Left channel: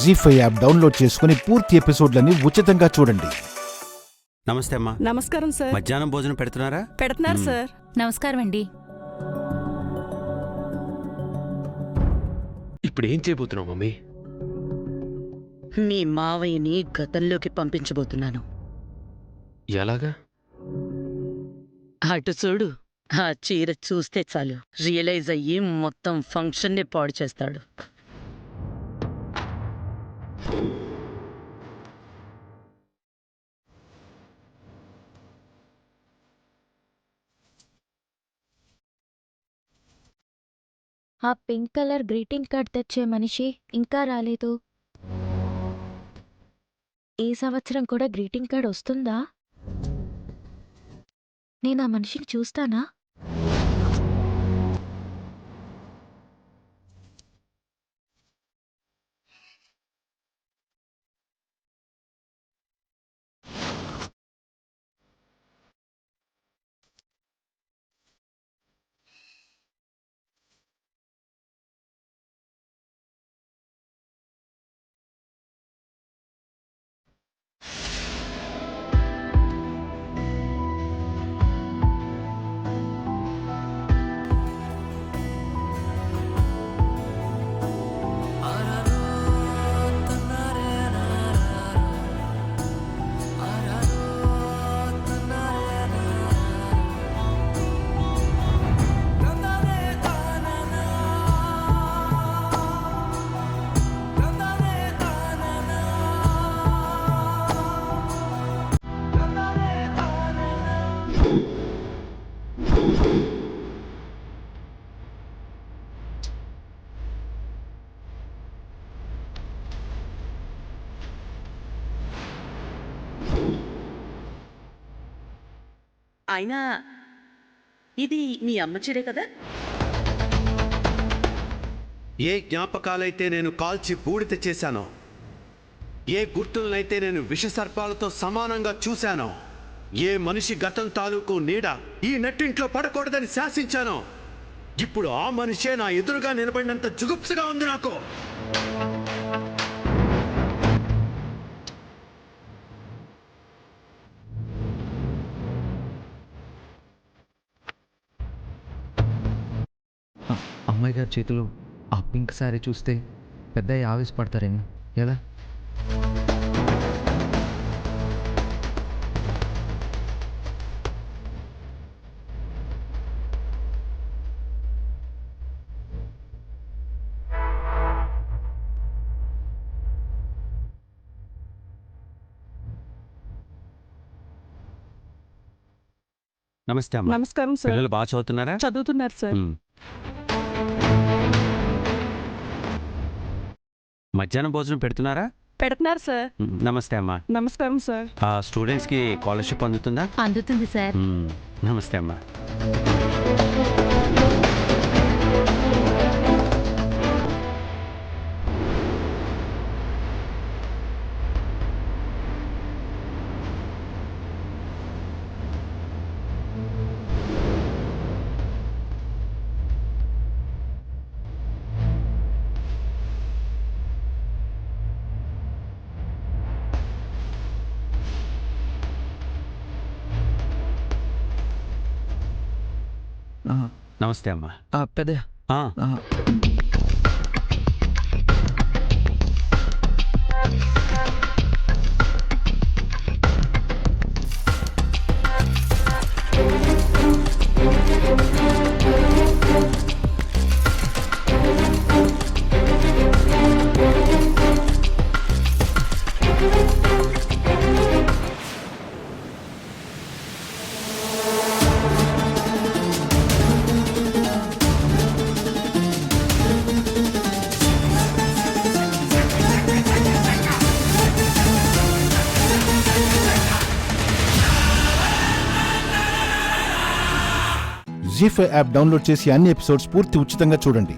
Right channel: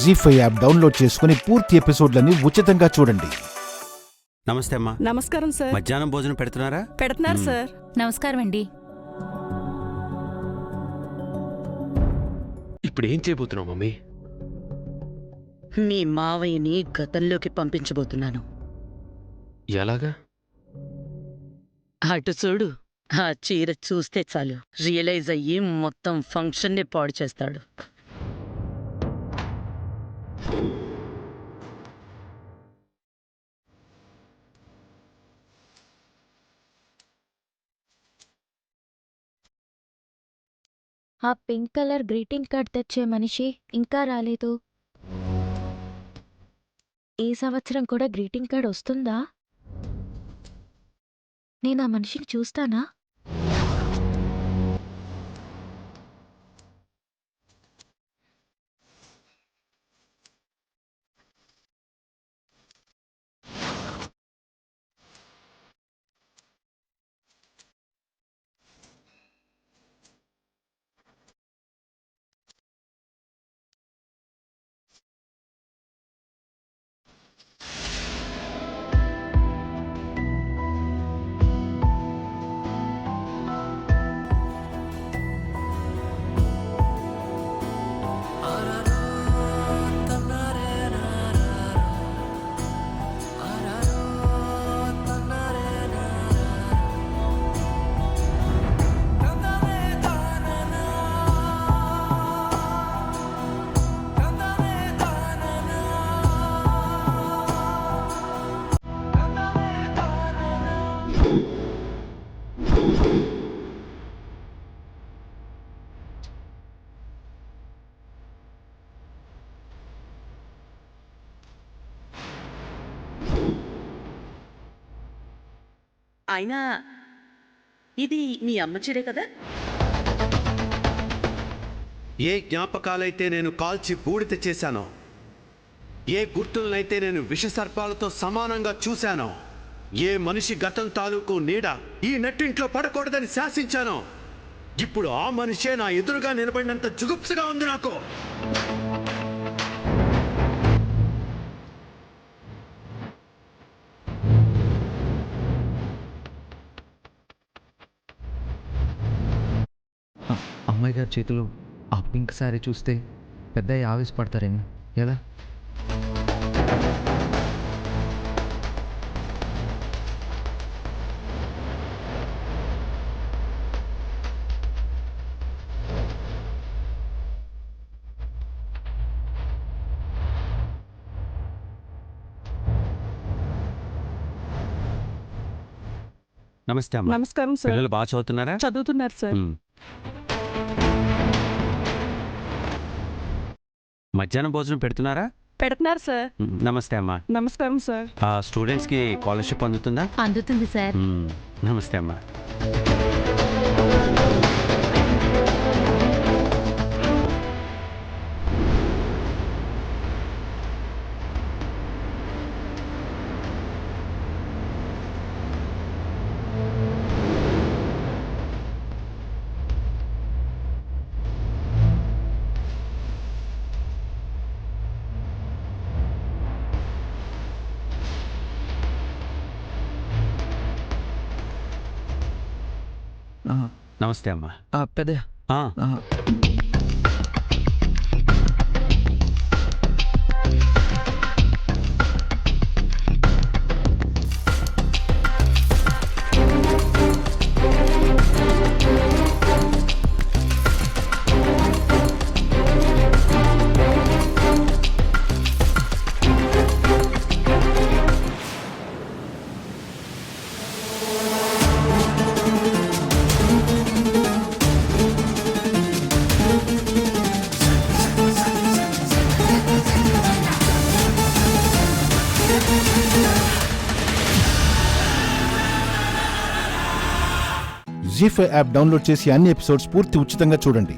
జీ5 app download చేసుకుని పూర్తి ఎపిసోడ్లని ఉచితంగా చూడండి. నమస్తే అమ్మా. నమస్కారం సార్. మధ్యాహ్నం భోజనం పెడుతున్నారా? పెడుతున్నారు సార్. నమస్కారం అండి. ఇప్పుడు ఏం చేయబోతున్నావు మమ్మీ? మీ మావయ్యని గతంలోకి పంపించబోతున్నాను. ఎలాగా? అటు చూడు, ఆ చీర చూస్తే చాలు రియలైజ్ అయ్యి మొత్తం ఫంక్షన్నే పాడు చేస్తాడు. ఆ పింక్ కలర్ గ్రీటింగ్ కార్డ్ తెచ్చే మనిషి ఇంకా రాలేదు. ఈ సంవత్సరం కూడా గ్రీటింగ్ కార్డ్ వస్తుందా? నేను ఆ మనిషిని చూస్తానా? అయినా ఇది మీ అమ్మ చీరే కదా? ఏ జ్ఞాపకాలైతే నేను కాల్చి బూడిద చేశానో, ఏ గుర్తులనైతే నేను విషసర్పాలతో సమానంగా చూశానో, ఏ మనిషి గతం తాలూకు నీడ ఈ నెట్టింట్లో పడకూడదని శాసించానో, ఇప్పుడు ఆ మనిషే నా ఎదురుగా నిలబడినంత జుగుప్సగా ఉంది నాకు. అమ్మాయి గారి చేతులు ఆ పింక్ శారీ చూస్తే పెద్దయ్య ఆవేశపడతారేమో. ఎలా? నమస్తే అమ్మా. నమస్కారం సార్. పిల్లలు బాగా చదువుతున్నారా? చదువుతున్నారు సార్. మధ్యాహ్నం భోజనం పెడుతున్నారా? పెడుతున్నారు సార్. నమస్తే అమ్మా. నమస్కారం సార్. ఆ స్టూడెంట్స్ కి స్కాలర్షిప్ అందుతుందా? అందుతుంది సార్. నమస్తే అమ్మా. నమస్తే అమ్మా. పెద్దయ్య, జీ5 యాప్ డౌన్లోడ్ చేసి అన్ని ఎపిసోడ్స్ పూర్తి ఉచితంగా చూడండి.